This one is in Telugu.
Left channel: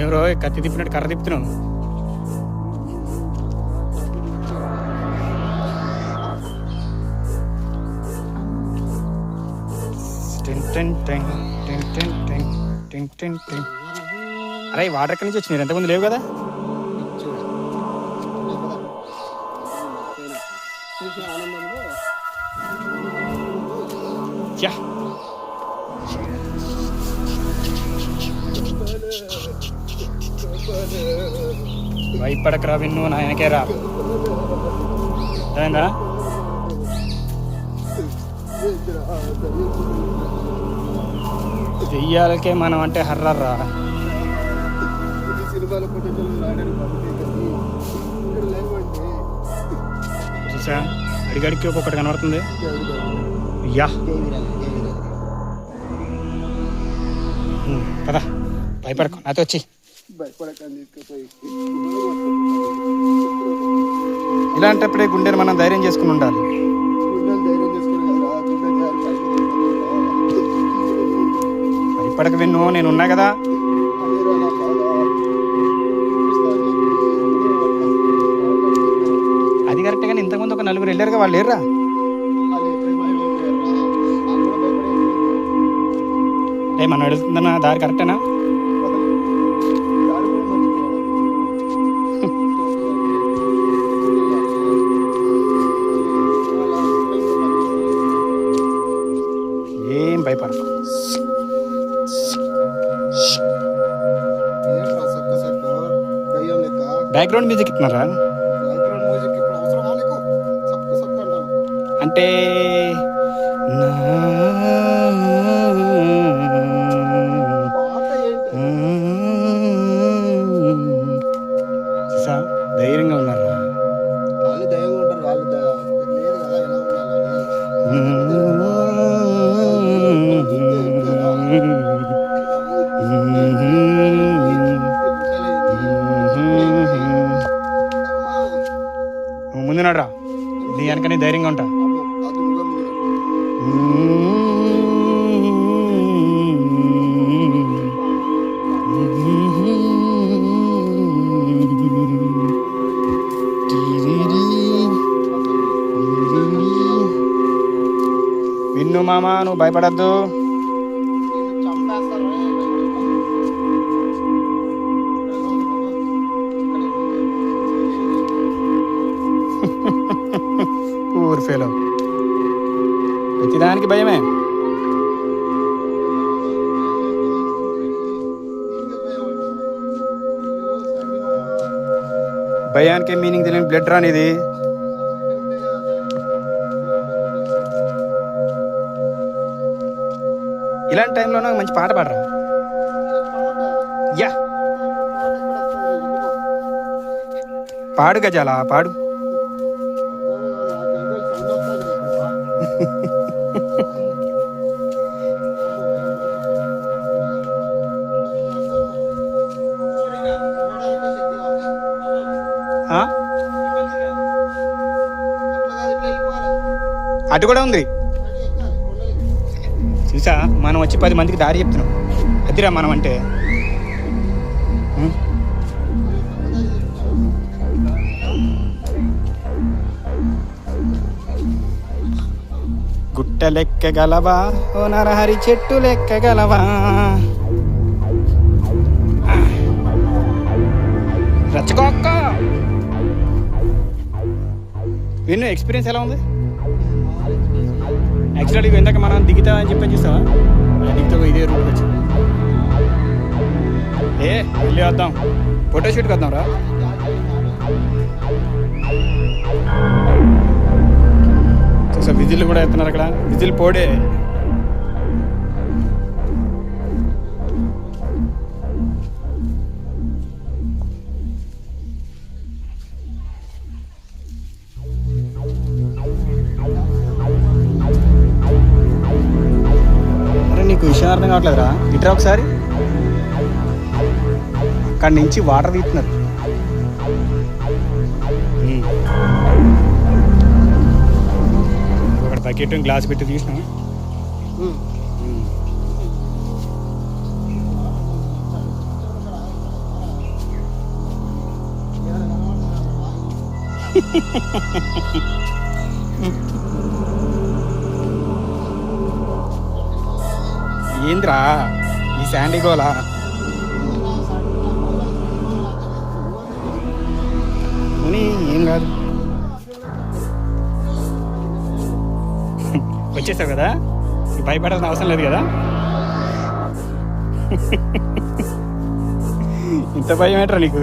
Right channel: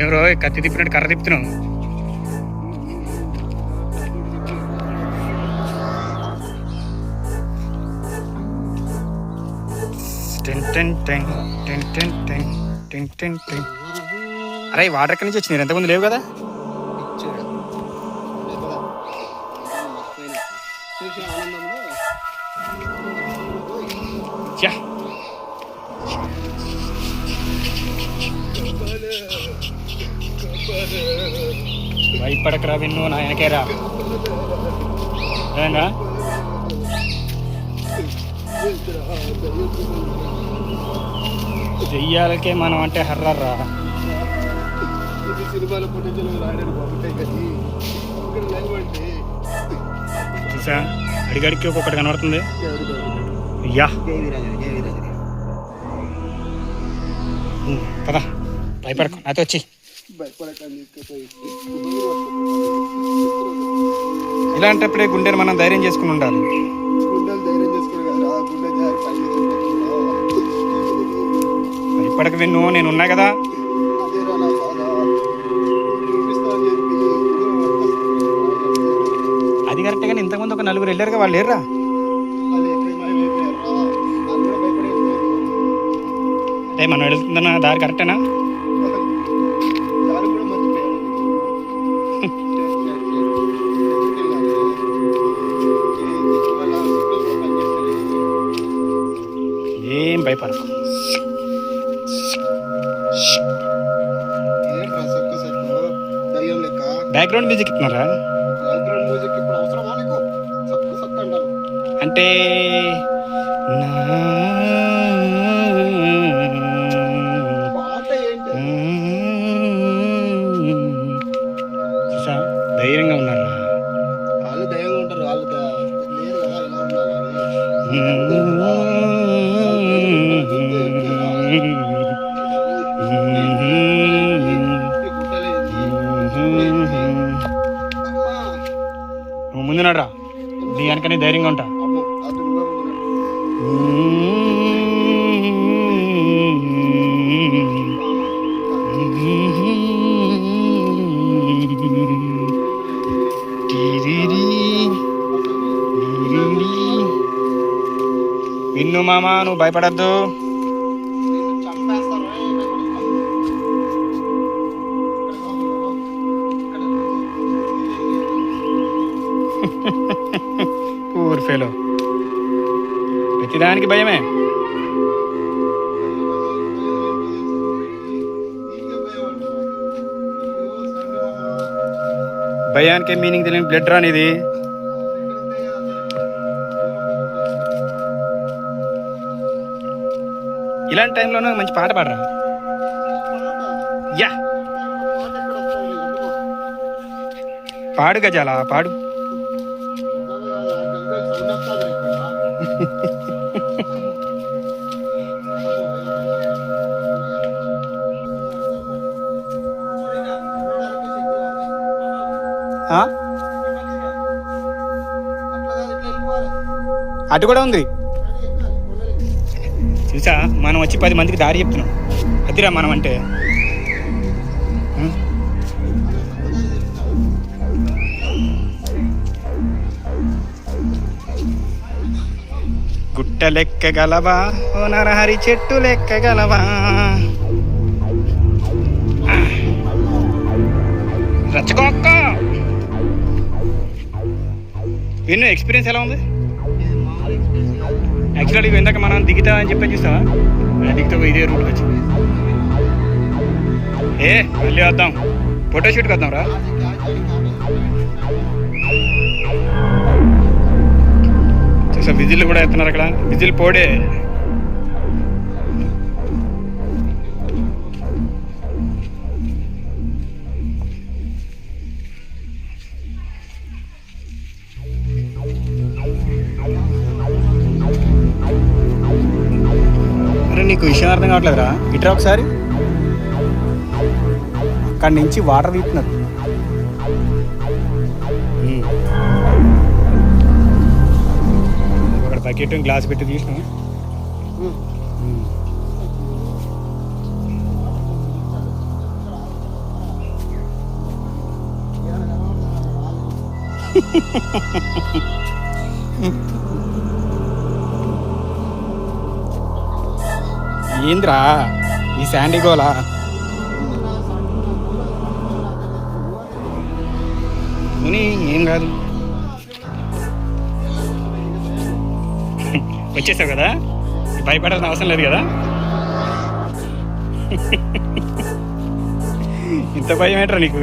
ఏమరో కత్తి తిప్పినట్టు కర్ర తిప్పుతున్నావు. అరే వాటర్ ఎక్కడి నుంచి వచ్చినారు? ఎంతమంది లేవు కదా. భయపడకరా విన్ను, నాయనకేరా ఏమైందా? దెయ్యాలకే మనం అంటే హర్రర్రా. చూసా అడిగడికి ఒక్కొక్కటి కనబడుతుంది. అయ్యా పదా భయపడకు, నాతో వచ్చి. ఇలాంటప్పుడే గుండెని మనం ధైర్యం చేసుకుని ఉండాలి. భయపడక విన్ను, నేను ఉన్నా కదా. అది కరెక్టే కానీ ఇంతకుముందు ఒక నలుగురు వెళ్ళారుగా, వాళ్ళు లేరురా? అదే మనం వెళ్తుందన్న దారి కరెక్టేనా? ఏం భయపడకు. బ్యాక్గ్రౌండ్ మ్యూజిక్ ఇస్తున్నారా? అంటే ధైర్యంగా ఉన్నారా? వాళ్ళు ధైర్యంగా ఉంటారు. వాళ్ళు లేదు కదా ఎలా నువ్వు ముందు నడరా, నీ వెనకనే ధైర్యంగా ఉంటా. విన్ను మామ, నువ్వు భయపడద్దు. పూర్ ఫెలో, ప్రతిదానికి భయమే. భయానికి మీనింగ్ తెలియని బ్లడ్ రానిది. ఇలాంటి టైంలోనే మంచి పాట పాడరా. యా పాడు గజాల పాడు. అటు కూడా ఉంది చూసా. మనం వచ్చి 10 మందికి దారి చెప్తున్నాం. అదిరా మనం అంటే. గుట్ట లెక్కగలవా ఓ నరహరి, చెట్టు లెక్కగలవా? రచ్చకోక్క విన్ను, ఎక్స్పీరియన్స్ ఎలా ఉంది? యాక్చువల్గా ఇందాక మనం దిగుతా అని చెప్పి చూసావా? దిగుతా ఇదే రూట్ వచ్చి వెళ్ళి వద్దాం, ఫోటోషూట్కి వద్దాం రా. చూసా విజిల్ కూడా ఎత్తున్నారు అక్కడ, విజిల్ పోడే. నీకు విషయం అర్థం కావట్లేదురా? ఇట్రా ఒకసారి. అక్కడి నుంచి వాటర్ తీస్తున్నారు. ఒక బకెట్ గ్లాస్ పెట్టి తీసినా. ఏంద్రా ఈ శాండీ గోలా? ముని ఏం కాదు, వచ్చేసావు కదా, భయపడాల్సిన అవసరం లేదు కదా. ఇంత భయం ఏంట్రా నీకు?